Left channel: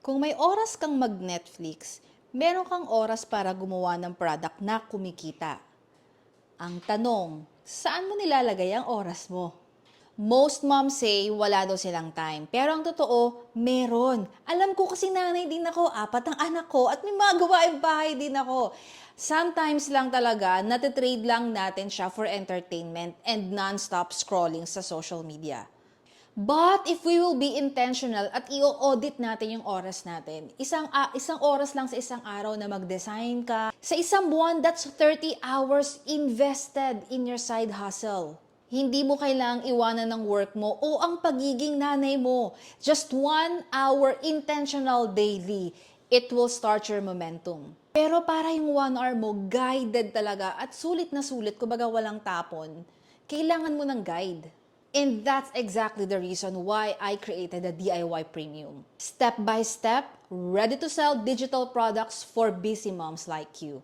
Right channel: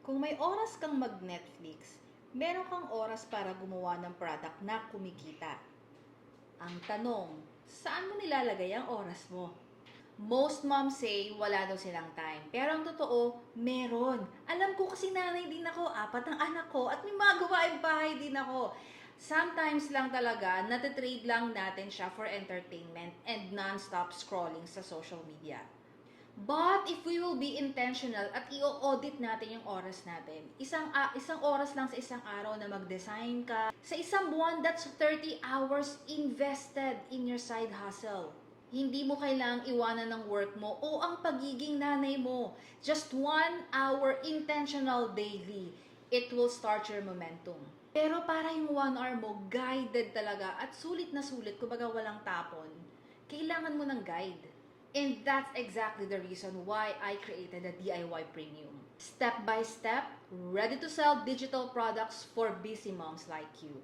Kung may oras kang mag-Netflix, meron kang oras para gumawa ng product na kumikita. Ang tanong, saan mo nilalagay ang oras mo? Most moms say wala daw silang time. Pero ang totoo, meron. Alam ko kasi nanay din ako, 4 ang anak ko, at may mga gawaing bahay din ako. Sometimes lang talaga, natitrade lang natin siya for entertainment and non-stop scrolling sa social media. But if we will be intentional at i-audit natin yung oras natin, isang oras lang sa isang araw na mag-design ka, sa isang buwan, that's 30 hours invested in your side hustle. Hindi mo kailangang iwanan ng work mo o ang pagiging nanay mo. Just 1 hour intentional daily. It will start your momentum. Pero para yung 1 hour mo, guided talaga at sulit na sulit, kumbaga walang tapon, kailangan mo ng guide. And that's exactly the reason why I created the DIY Premium. Step by step, ready to sell digital products for busy moms like you.